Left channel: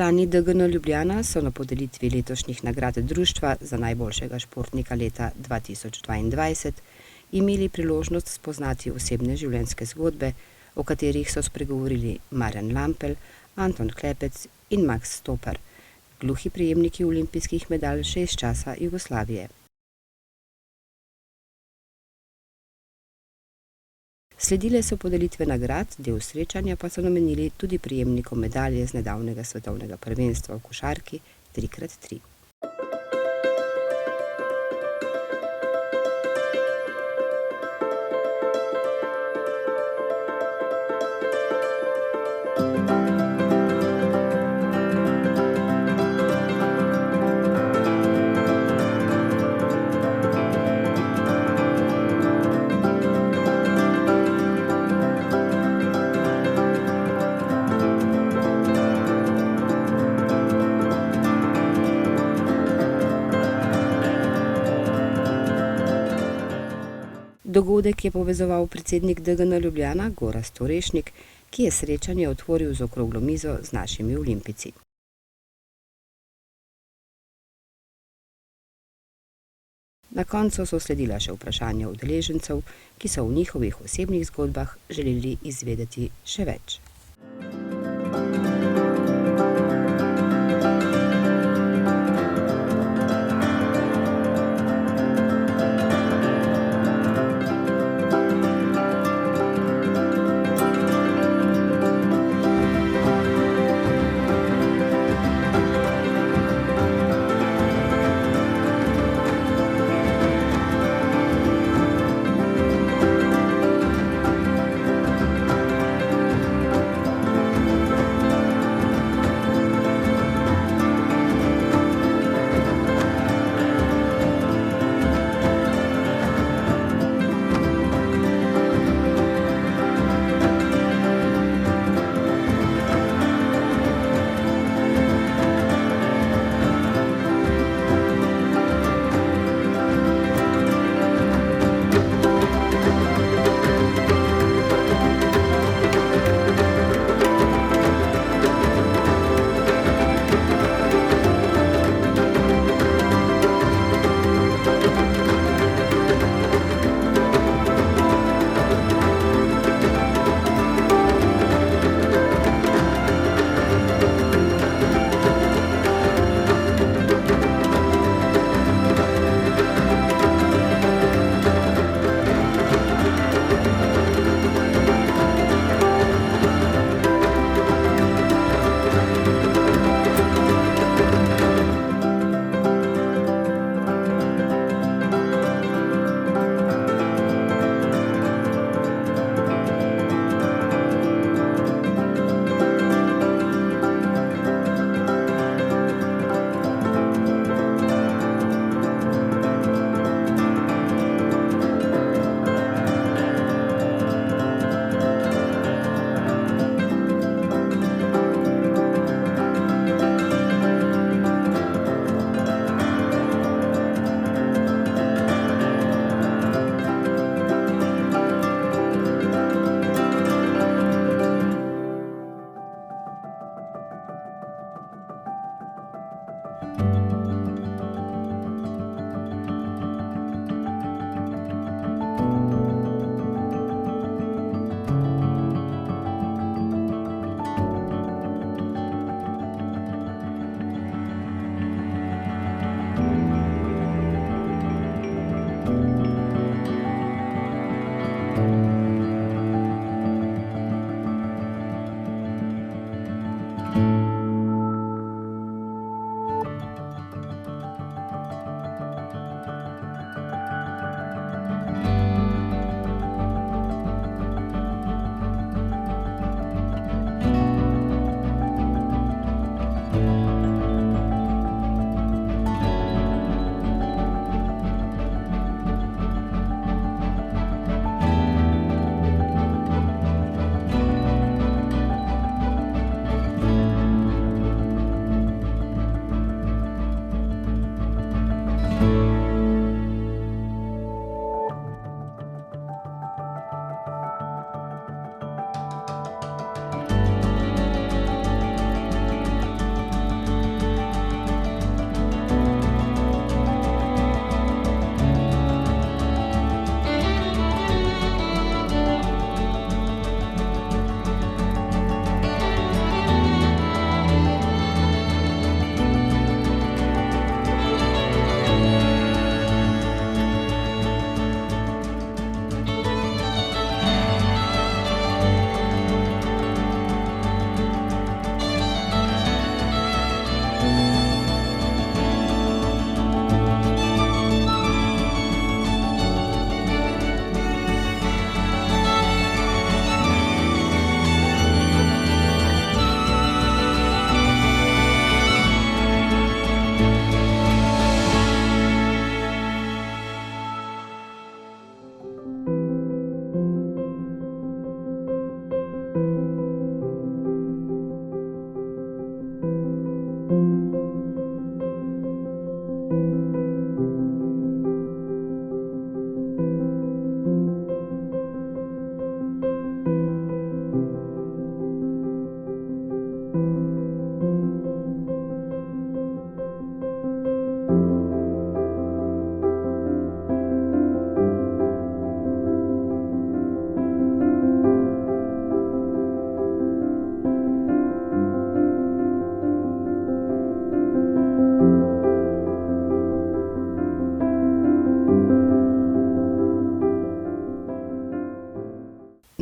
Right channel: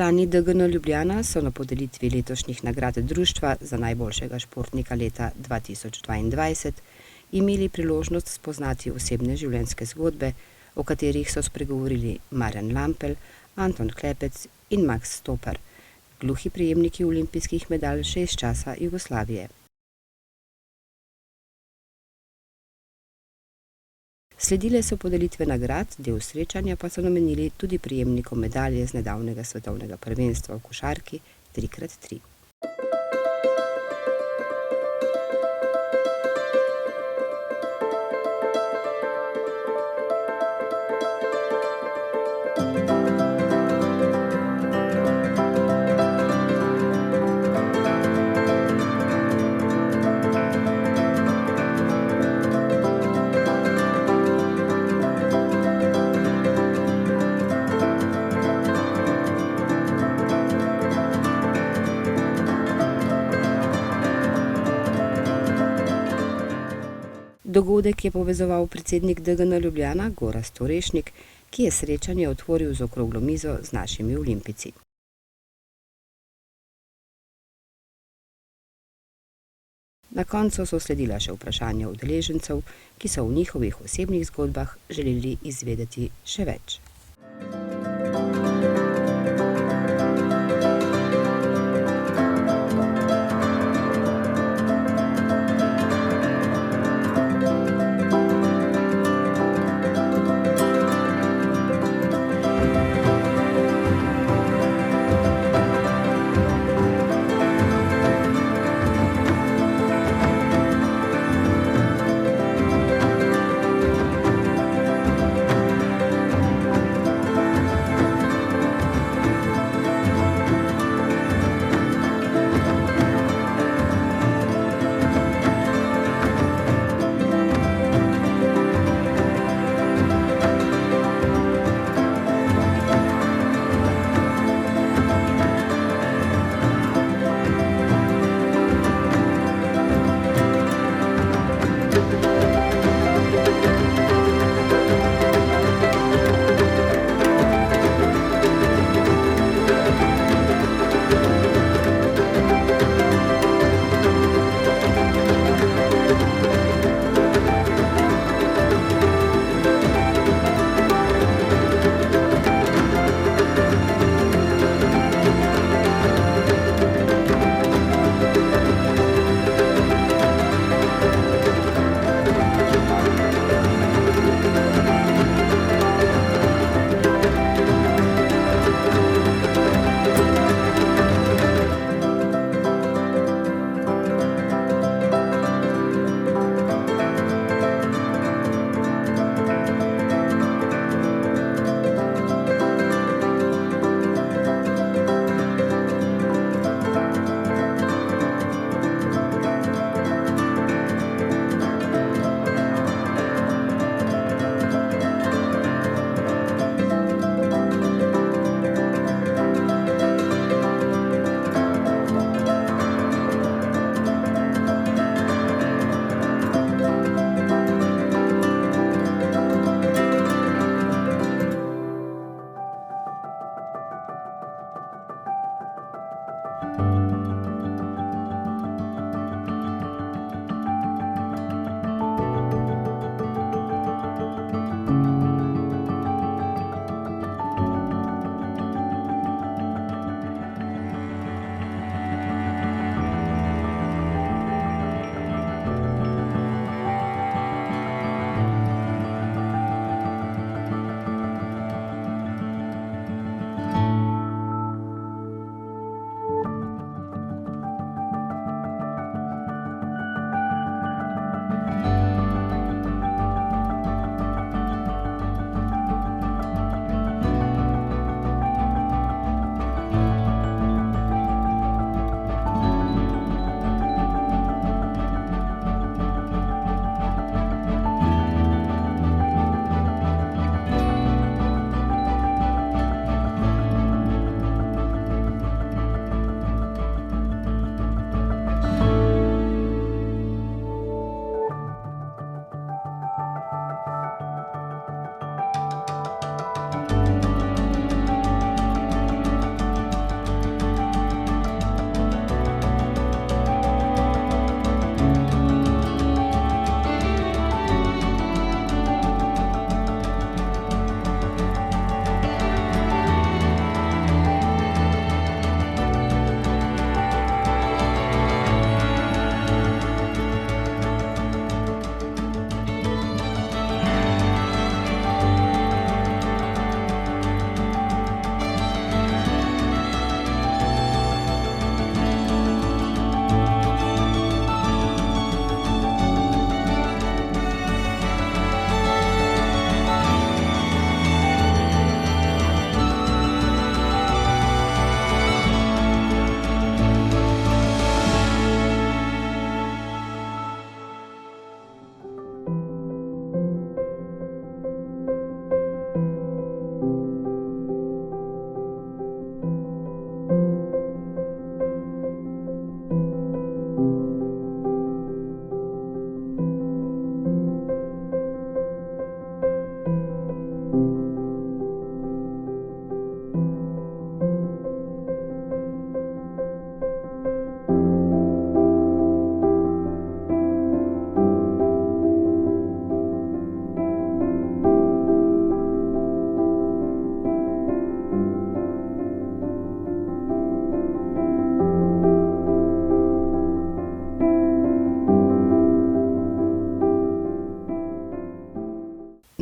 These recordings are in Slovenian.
Člani DGN Ljubljana so na podelitvi letošnjih nagrad društva za najboljšega športnika leta 2022 imeli priložnost spoznati osebne življenjske zgodbe, o katerih so spregovorili Marjan Lampel, Anton Klepec in Max Stopar, gluhi prejemniki olimpijskih medalj še iz časa Jugoslavije. Sledile so podelitve nagrad, del srečanja pa so namenili tudi prejemnikom medalje z nedavnega svetovnega prvenstva v košarki 3x3. Dogodek je povezoval predsednik DGN Ljubljana Gorazd Orešnik, ki je srečanje otvoril z okroglo mizo z našimi olimpijci. Na koncu so sledila še vprašanja udeležencev, ki so v njihovih osebnih zgodbah želeli izvedeti še več.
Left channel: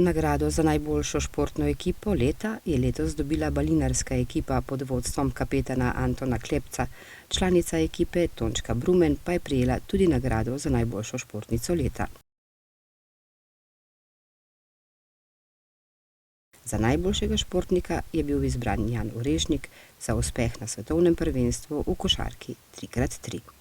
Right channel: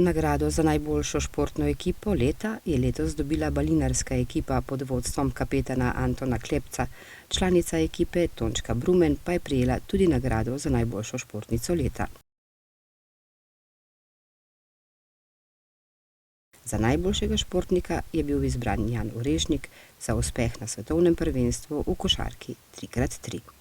Nagrado za najboljšo športno ekipo leta je letos dobila balinarska ekipa pod vodstvom kapetana Antona Klepca, članica ekipe Tončka Brumen pa je prejela tudi nagrado za najboljšo športnico leta. Za najboljšega športnika je bil izbran Jan Orešnik za uspeh na svetovnem prvenstvu v košarki 3x3.